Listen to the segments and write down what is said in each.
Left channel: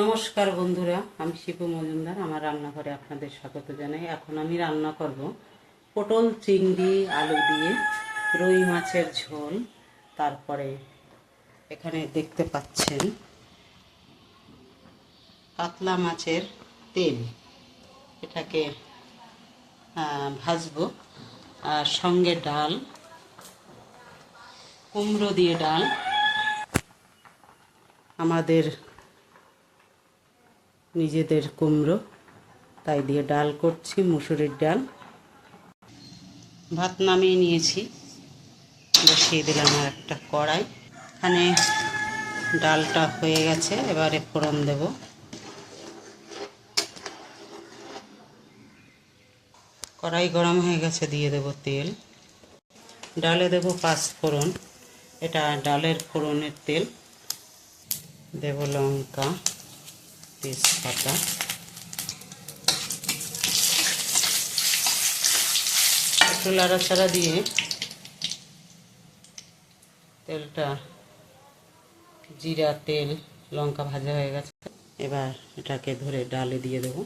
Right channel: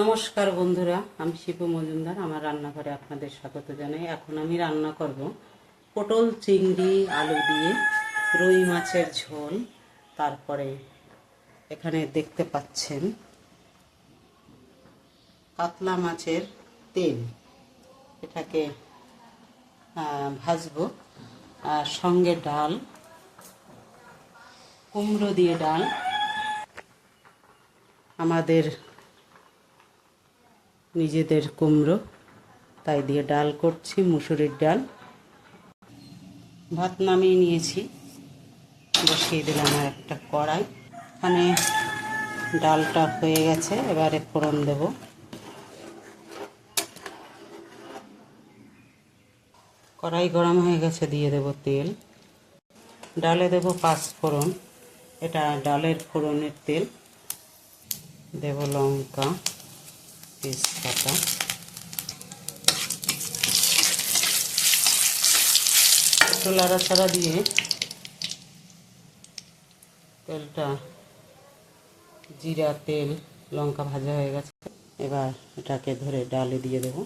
নমস্কার বন্ধুরা, আমি শিপু মজুমদার। আমার রান্নাঘরে আপনাদের স্বাগত জানাই। এখন আমি রান্না করব পটল চিংড়ি আলু দিয়ে রুই মাছের ঝোল। তারপরে এখানে দেখতে পাচ্ছেন কাতলা মাছের তেল, এটাকে ভাজবো। আর সঙ্গে ডাল, কুমড়ো দিয়ে ডাল, আমাদের নিজেদের কুমড়ো, তাই দিয়ে ডাল করছি, মুসুরির ডাল। ভাত নামিয়ে নিয়েছি, বসিয়ে দিলাম আর একটা কড়াই। এখানে ডালটা হয়ে গেছে, এবারে ফোড়ন দেব। কড়াই গরম হয়ে গেছে, দিয়ে দেব তেল। ডালে দেব 5 ফোড়ন, এটা ডালের ফোড়নের তেল। দেব লঙ্কা, তেজপাতা, একটু নাড়াচাড়া দিয়ে তেলটা, জিরা, তেল, লঙ্কা ভাজা হয়ে গেছে। এবার এটাকে ধরে ডালে দিয়ে দেব।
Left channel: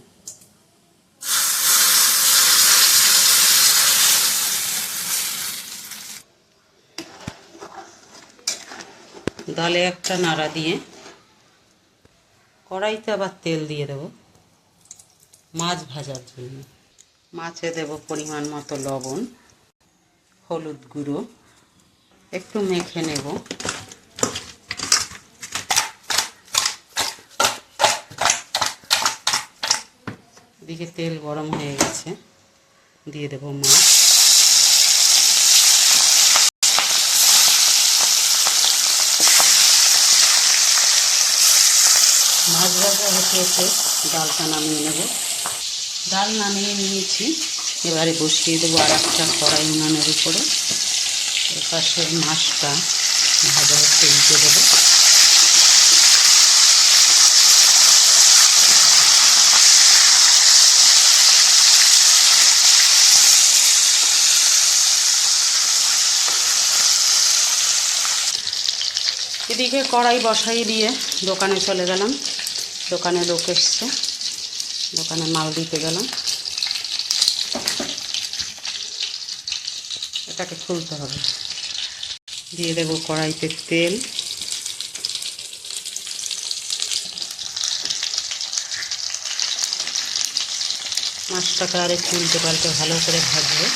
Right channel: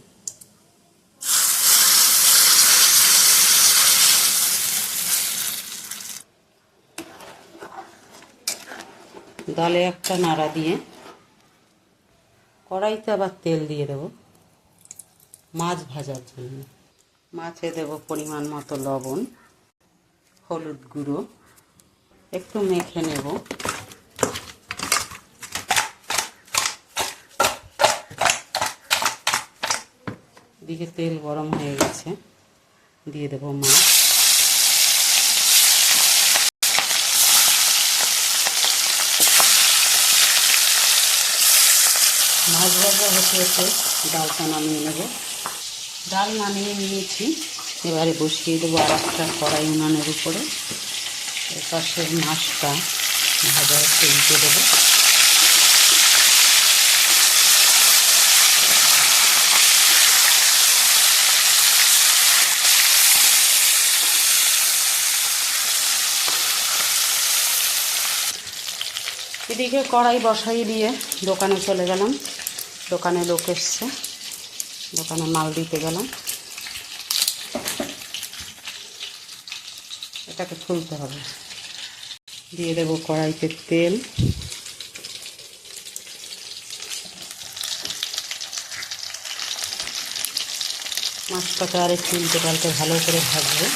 ডালে একটা নাড়া দিয়ে কড়াইতে আবার তেল দিয়ে দেব মাছ ভাজার জন্য। মাছে দেব পরিমাণ মতো লবণ, হলুদ গুঁড়ো, একটু মেখে নেব। এদিকে তেল গরম হয়ে গেছে, দিয়ে দেব মাছ। মাছ ভাজা হতে হতে ডালটা নামিয়ে নেব। ডাল নামিয়ে নিয়েছি, এবারে বসিয়ে দেবো আর একটা কড়াই উনানের উপরে। এর পাশে মাছটা ভাজা হতে উল্টে দেবো। এদিকে কড়াই বসাই দিয়ে দোকানে চলে গেলাম। দোকানে লোক এসছে, দোকানে মাল দিতে গেলাম। এটাকে খুলতে হবে। দিয়ে দেব কড়াইতে তেল, মাছটাকে আর একটু উল্টে পাল্টে ভালো করে ভাজবো।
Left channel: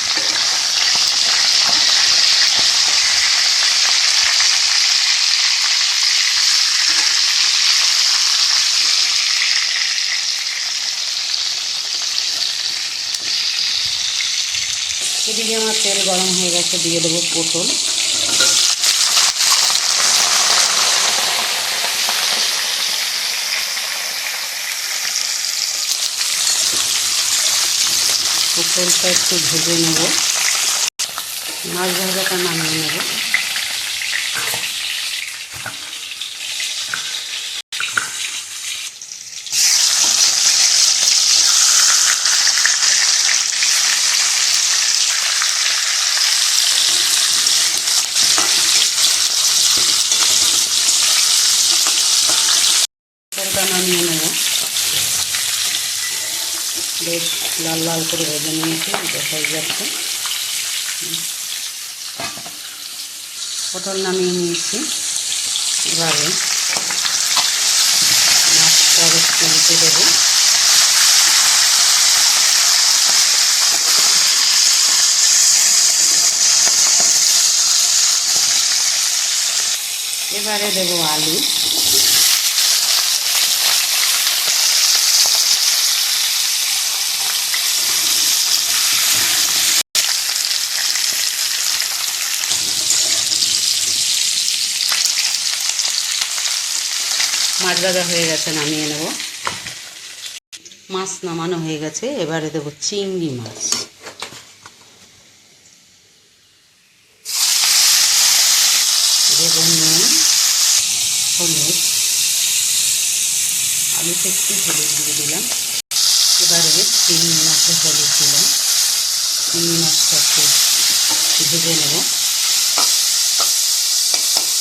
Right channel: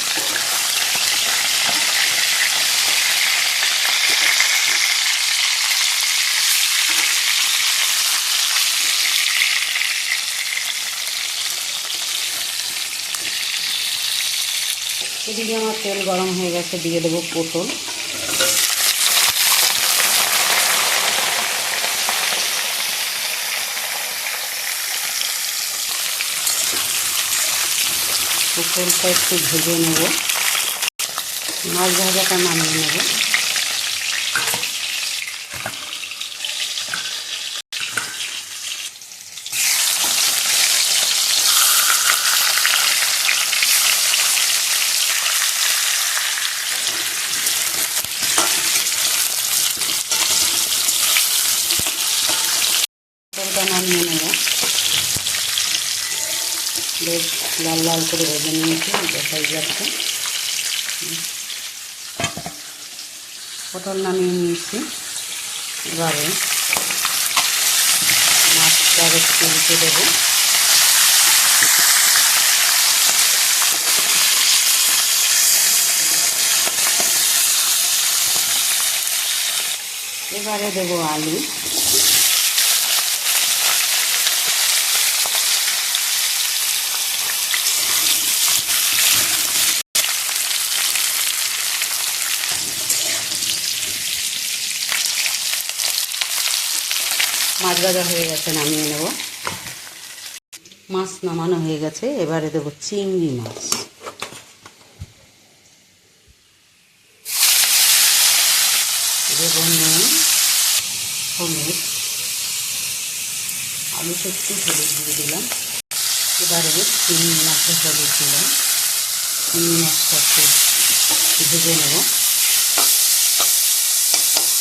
এদিকে আমার তেল গরম হয়ে গেছে, দিয়ে দেবো পটল। পটলটা একটু ভেজে নেব, মাছ ভাজাটা নামিয়ে নেব। পটলটা নামিয়ে নেব। বেশ লাল লাল করে ভেজে নিয়েছি, দেখাই যাচ্ছে। পটল নামিয়ে নিয়েছি, এবারে মাছটা একটু উল্টে দেবো। এবারে দেবো আলু। মাছ ভাজা হয়ে গেছে, নামিয়ে নেব। মাছ নামানো হয়ে গেছে, এবারে দেবো চিংড়ি মাছ। দেবো নুন, হলুদ, আলুতে একটু হলুদ দিয়ে দিলাম। এবারে চিংড়ি মাছে হলুদ দিলাম। চিংড়ি মাছটা একটু ভেজে নেব।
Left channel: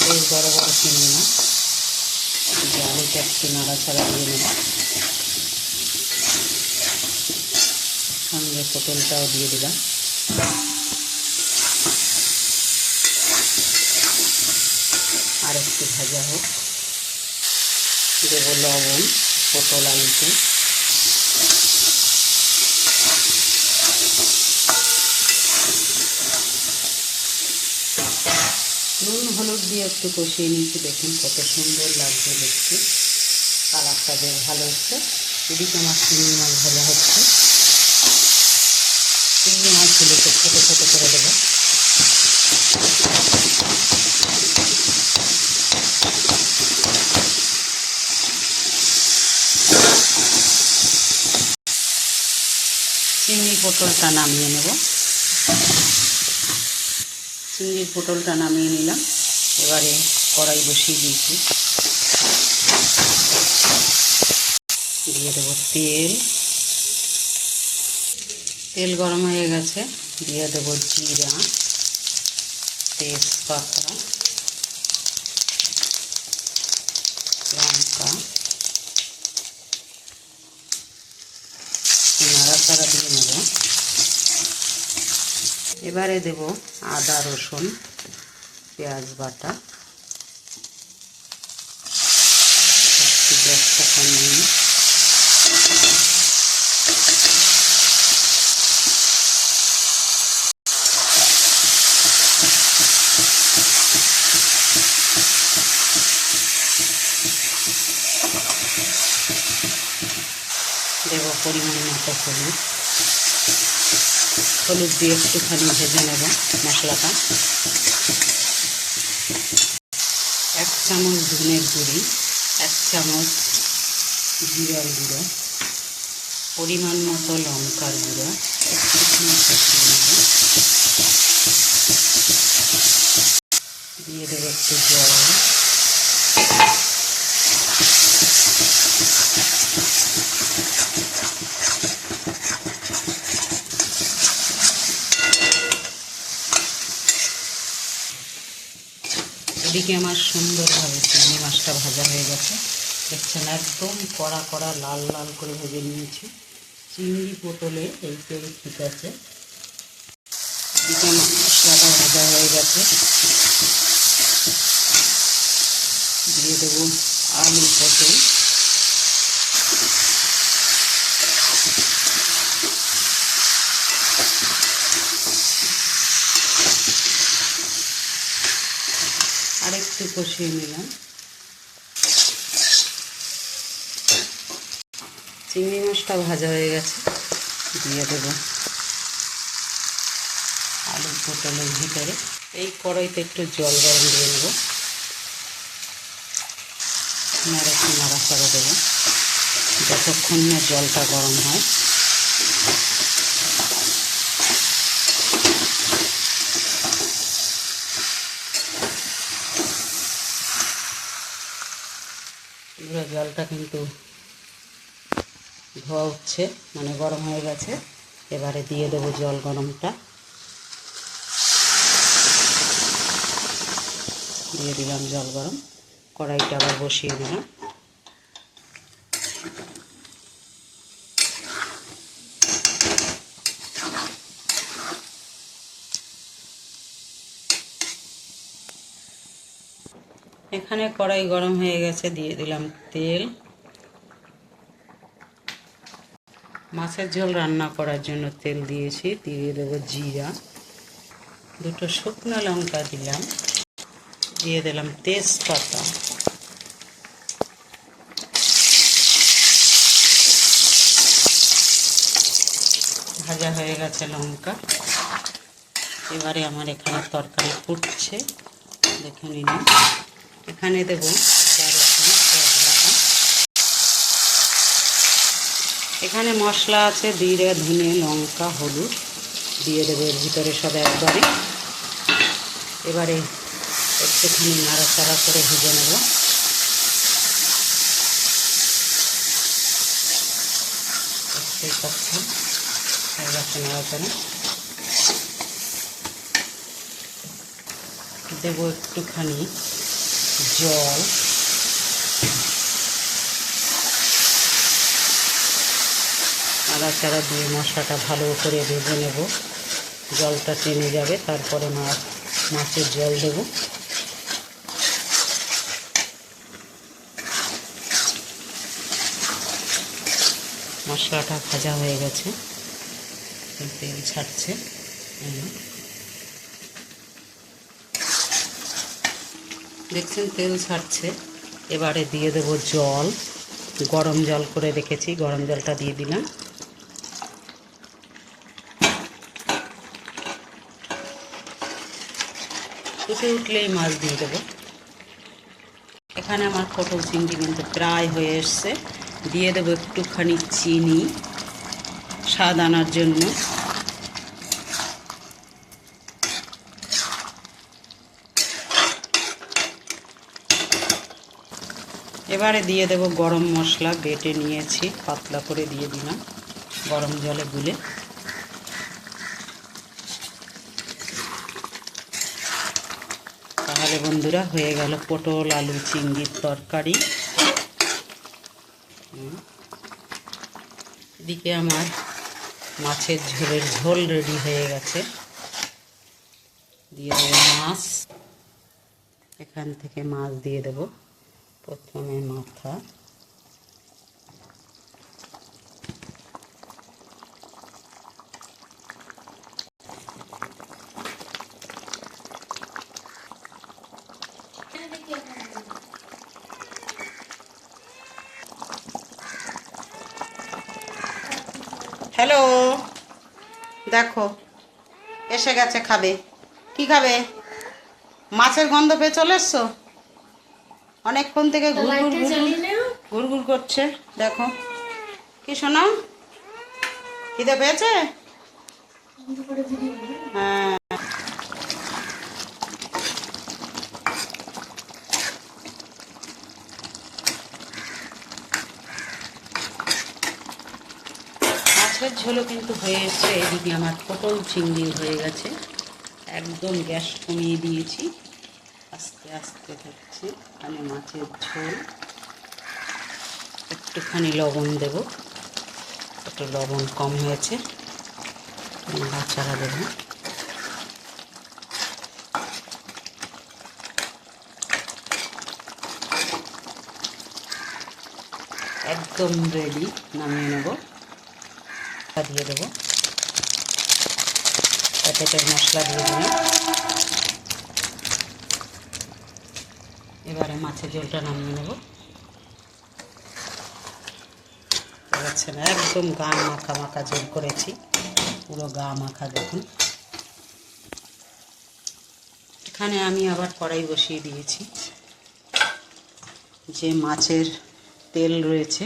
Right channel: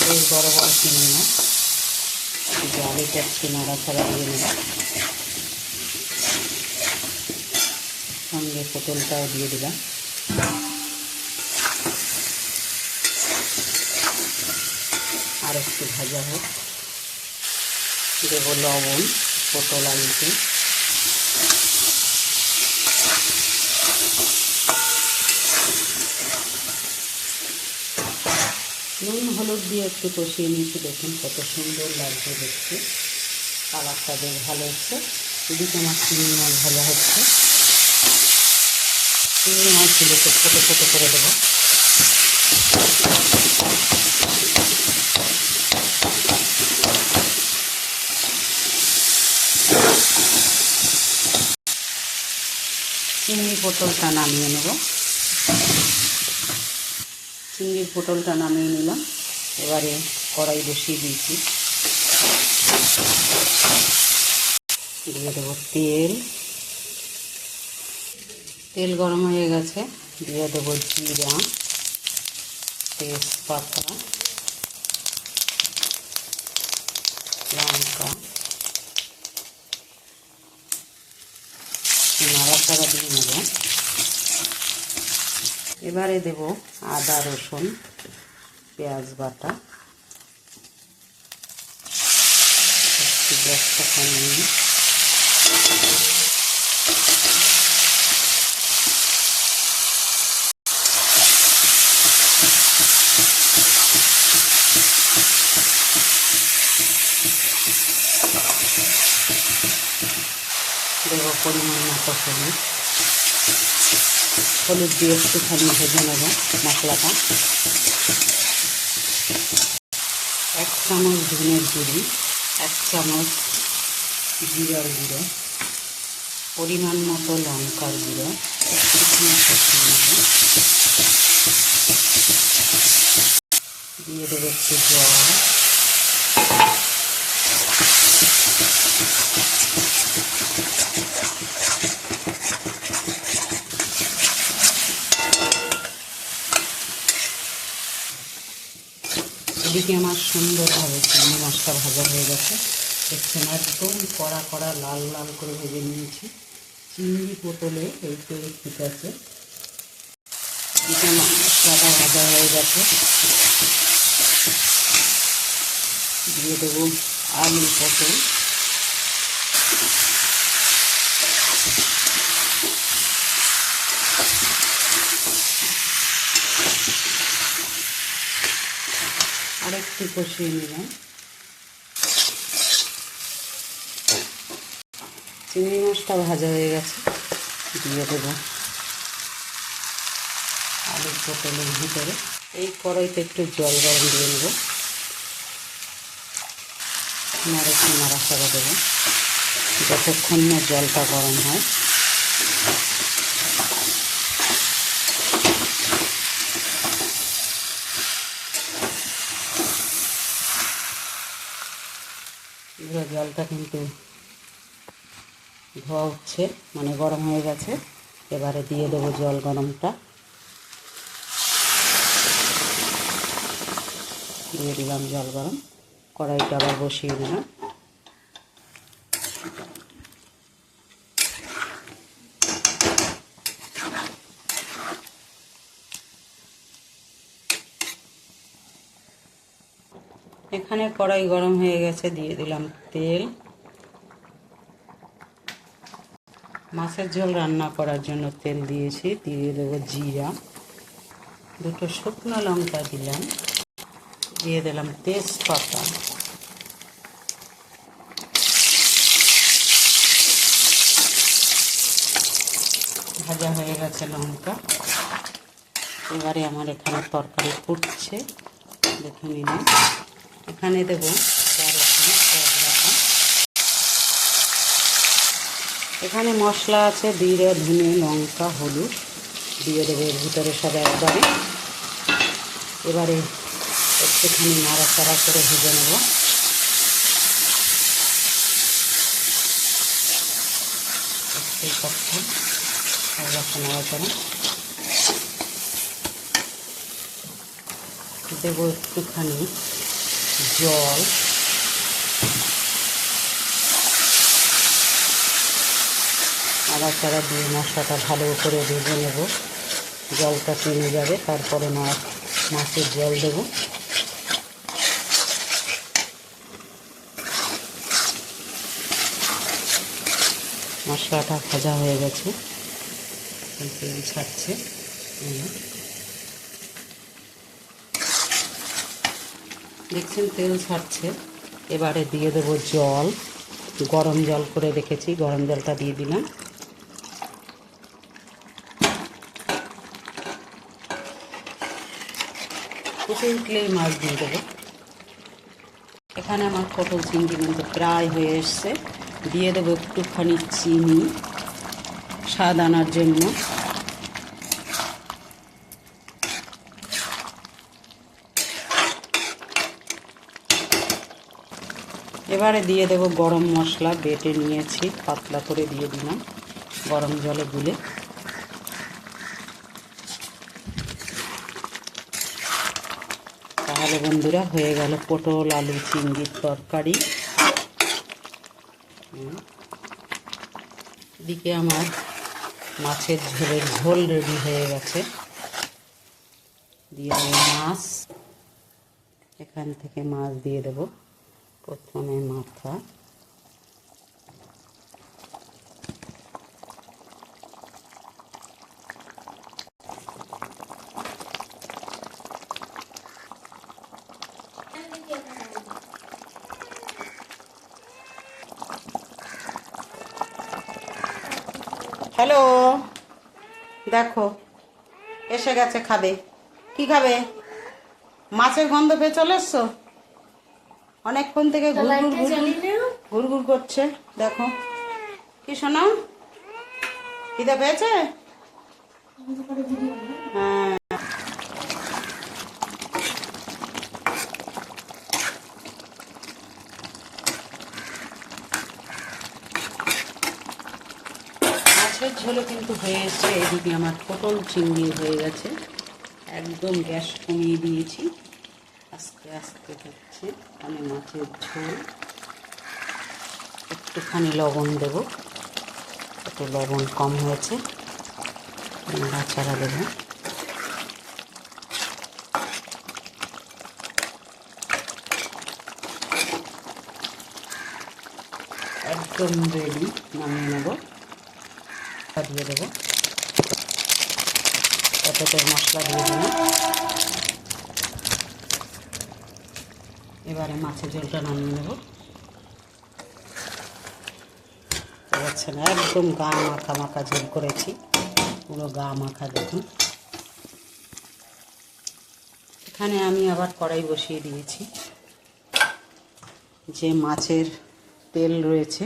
বেশ বড় বড় চিংড়ি মাছ। আলুটা একটু নাড়াচাড়া দিয়ে নেব, সঙ্গে পটলটাও দিয়ে দিলাম। আর একটু ভাজা হোক, দেবো লবণ পটল আলুতে, নুন হলুদ দিয়ে একটু কষিয়ে নিয়েছি। দেখুন কত সুন্দর লাগছে দেখতে, কালারটা বেশ ভালো হচ্ছে। এদিকে আমার চিংড়ি মাছ ভাজা হচ্ছে। চিংড়ি মাছগুলোকে ছোটো ছোটো করে দেবো। চিংড়ি পটলটা নামিয়ে নেব। চিংড়ির পটলটা নামিয়ে নিলাম। এবারে কড়াই বসিয়ে দিয়েছি, দিয়ে দেবো তেল। তেল গরম হয়ে গেছে, দিয়ে দেবো জিরা, তেজপাতা, লঙ্কা, নাড়াচাড়া দিয়ে নেব। এবারে দেব আদা রসুন পেঁয়াজ বাটা। একটু গ্যাসটা কমিয়ে নিই। দেব পরিমাণ মতো হলুদ। হলুদ দিয়ে একটুখানি ভেজে নেব মশলাটা। 1 চামচ ধনের গুঁড়ি, 1 চামচ জিরার গুঁড়ো, পরিমাণ মতো লঙ্কার গুঁড়ো একটুখানি কষিয়ে নেব। দিয়ে দেবো একটু জল। এদিকে আমার সুন্দরভাবে চিংড়ি মাছটা ভাজা হয়ে গেছে। দেখছেন একদম কড়া কড়া লাল লাল করে ভেজে নিয়েছি। চিংড়ি পটলে এই তেল ঠিক আছে। এদিকে মশলাটা ভাজা হয়ে গেছে, দিয়ে দেবো আলু পটল। আরেকটু কষিয়ে নিলাম। চিংড়ি মাছটা ভাজা হয়ে গেছে, দিয়ে দেবো আলু পটলের ভিতরে। এই কড়াইতে একটু জল গরম দিয়ে নেব, একটু নাড়াচাড়া দেবো যতক্ষণ না জলটা গরম হয়। জলটা কিন্তু ধোয়া উঠছে, মানে গরম হয়ে গেছে। এবারে দিয়ে দেবো জল গরমটা, দিয়ে দিলাম জল গরম। কড়াইটা আবার বসিয়ে দিলাম। এখানে কড়াই গরম হয়ে গেছে, দিয়ে দিলাম তেল। মাছের ঝোল রান্না করার জন্য তেল দিয়েছি, দিয়ে দেবো জিরা, 2টো শুকনো লঙ্কা দিলাম, দিয়ে দিলাম তেজপাতা, ভাজা হয়ে গেছে লঙ্কা। এবারে আমার এখানে তরকারি ফুটছে, দেখে নিলাম। এখানে দেবো আদা রসুন পেঁয়াজ বাটা। এখানে মশলা আছে জিরে ধনে লঙ্কা হলুদ, দিয়ে দেবো এর ভিতরে সব একবারে। এবারে একটুখানি নাড়াচাড়া করে ভেজে নেব। একটু কষা হয়ে গেছে নাড়াচাড়া। দেবো একটুখানি জল, নাড়াচাড়া দিয়ে মশলাটা ভালো করে ভেজে নেব, জলটা টেনে যাবে, তারপরে মাছের জল দেব। মশলাটা ভাজা হয়ে গেছে, তেল ছাড়ছে, দেখছেন তেল ছাড়ছে। এবারে দিয়ে দেব জল, গরম জল করে রেখেছি, গরম জলটা দিয়ে দিলাম। ফুটে উঠলেই মাছ দিয়ে দেবো। এখানে আমার পটল চিংড়ি কিন্তু প্রায় হয়ে এসছে। দিয়ে দেবো একটুখানি চিনি স্বাদ আনার জন্য। এবারে দিয়ে দেব গরম মশলা, বেটে নিয়েছি, পাতলা করে দিয়ে দিলাম গরম জলে গুলে। তাহলে বন্ধুরা হয়ে গেল পটল আলু চিংড়ির তরকারি। এদিকে আমার মাছের ঝোলের ঝোল রেডি হয়ে গেছে। দিয়ে দেবো মাছ, এখান থেকে মাছ দিয়ে দেব। প্রথমে মাথা, হ্যালো দেখো এসে গেছে, খাবে কি খাবে? মাছের গন্ধ পেয়ে চলে এসছো? অনেকক্ষণ থেকে ঘুরঘুর করছে, দেখো কি শোনা, খিদে পেয়েছে? হ্যাঁ, মাছের ঝোলও কিন্তু হয়ে এসছে। এদিকে আমার পটল চিংড়ি হয়ে গেছে, একদম গ্যাস কমিয়ে দিয়েছি, আস্তে আস্তে হচ্ছে। এখানে মাছের ঝোল, একটুখানি লবণ দেব, একটু লবণ কম হয়েছে, নাড়াচাড়া দেব। একদম রেডি, নামিয়ে নেব। দিয়ে দেবো প্যাকেটের মশলা দিয়ে দিলাম। এবারে মাছের ঝোলটা নামিয়ে নেব। পাচ্ছে না, একদম গা মাখা মাখা ঝোল করেছি, পুরো গা মাখা। দেখুন এখানে আমি আবার কড়াই বসিয়ে দিয়েছি। যে মাছের তেল রয়েছে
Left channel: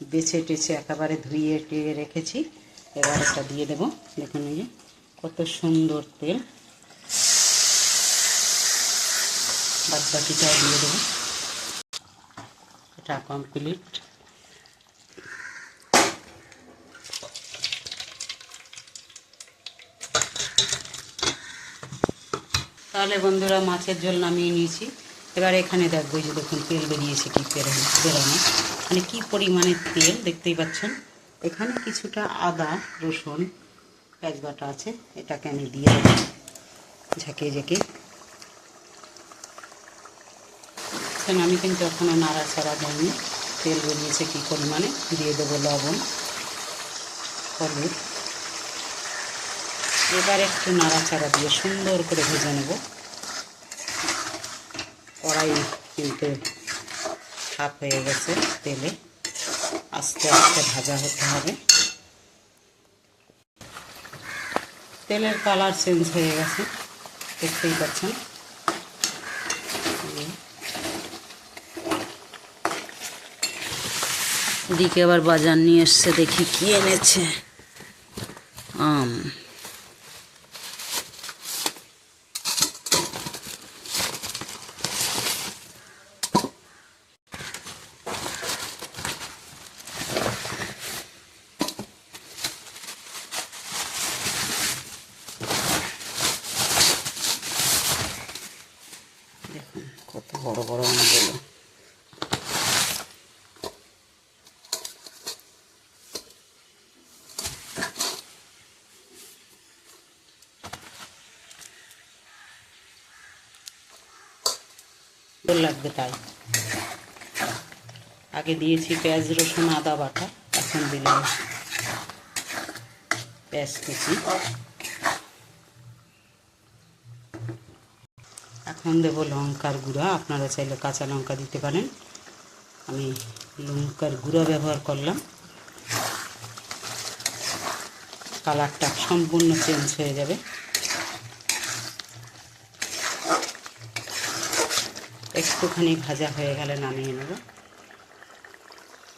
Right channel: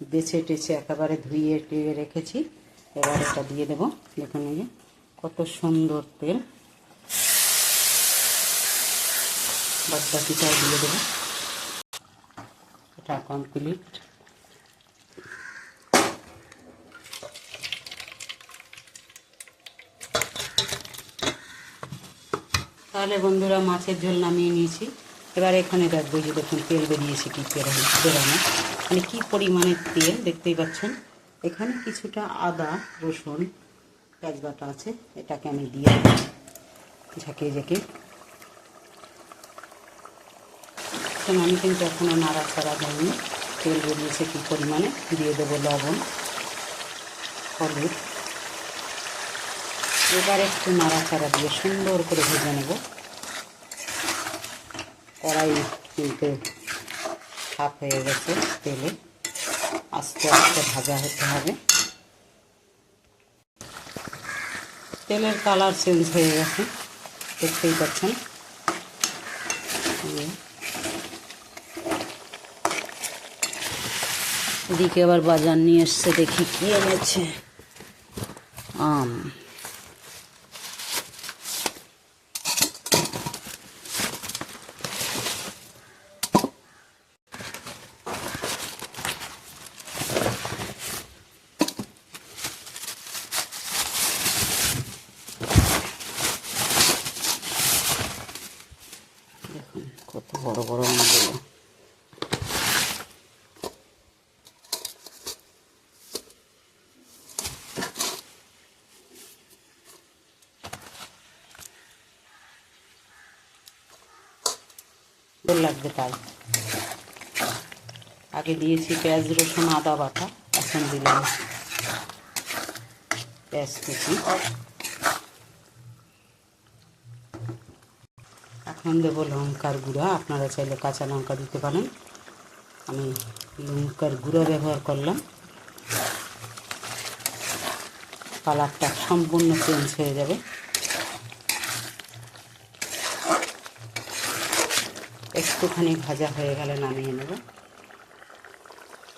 বেছে টেছে একেবারে ধুয়ে টেয়ে রেখেছি, এবার এটা দিয়ে দেব। দেখুন এই যে কত সুন্দর তেল, বাদ বাকিটাও দিয়ে দেব। এটা কমপ্লিট। তাহলে বন্ধুরা মাছের ঝোল নামিয়ে নিয়েছি। এবার এখানে দেখবো যে দেখুন তেল বেরিয়েছে কি বেরোনো, মানে কি পরিমাণে তেল দেখতেই পাচ্ছেন। এখানে কিছুটা আদা রসুন পেঁয়াজ বাটা আছে, এটাকে আমি দিয়ে দেবো ঝাঁকিয়ে ঝাঁকিয়ে। আমি কিন্তু এখনও নাড়াচাড়া দেয়নি, তেল বেরিয়েছে কি পরিমাণে। দিয়ে দেবো লবণ হলুদ। এবার একটু নাড়াচাড়া দিয়ে সুন্দর করে ভেজে নেব। কড়াই কিন্তু হাফ হয়ে গেছে তেলে, আস্তে আস্তে ভাজা হতে হবে। তেলের কালার চেঞ্জ হয়ে গেছে, দেখতেই পাচ্ছেন। এদিকে আবার বাজার নিয়ে এসছে, দেখি কি এনেছে। আম, দেখুন কত বড় বড় আমগুলো। ভালো লাগবে তাই। আগে দিয়েছি পেঁয়াজ রসুন আদা বাটা, এখন দিলাম পেঁয়াজ কুচি। এখন দেবো লঙ্কার গুঁড়া, আপনারা চাইলে কাঁচা লঙ্কা দিতে পারেন, আমি লঙ্কার গুঁড়া ব্যবহার করলাম। কালারটা সম্পূর্ণ চেঞ্জ হয়ে যাবে। একটুখানি ভাজা হয়ে গেলে নামিয়ে নেব।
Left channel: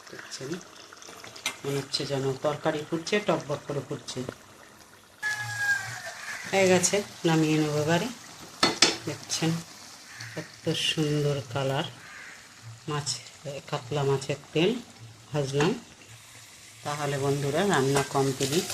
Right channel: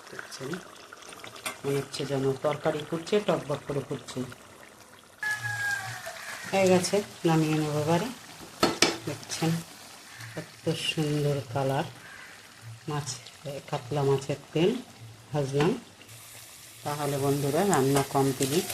দেখছেন, মনে হচ্ছে যেন তরকারি ফুটছে, টকবক করে ফুটছে। হয়ে গেছে, নামিয়ে নেব এবারে। দেখছেন কত সুন্দর কালার। মাছ, কাতলা মাছের তেল ভাজলাম। তাহলে বন্ধুরা রান্না কমপ্লিট।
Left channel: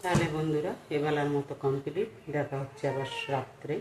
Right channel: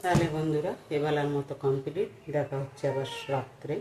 তাহলে বন্ধুরা এবেলার মতো কমপ্লিট। দেখা হচ্ছে আবার রাত্রে।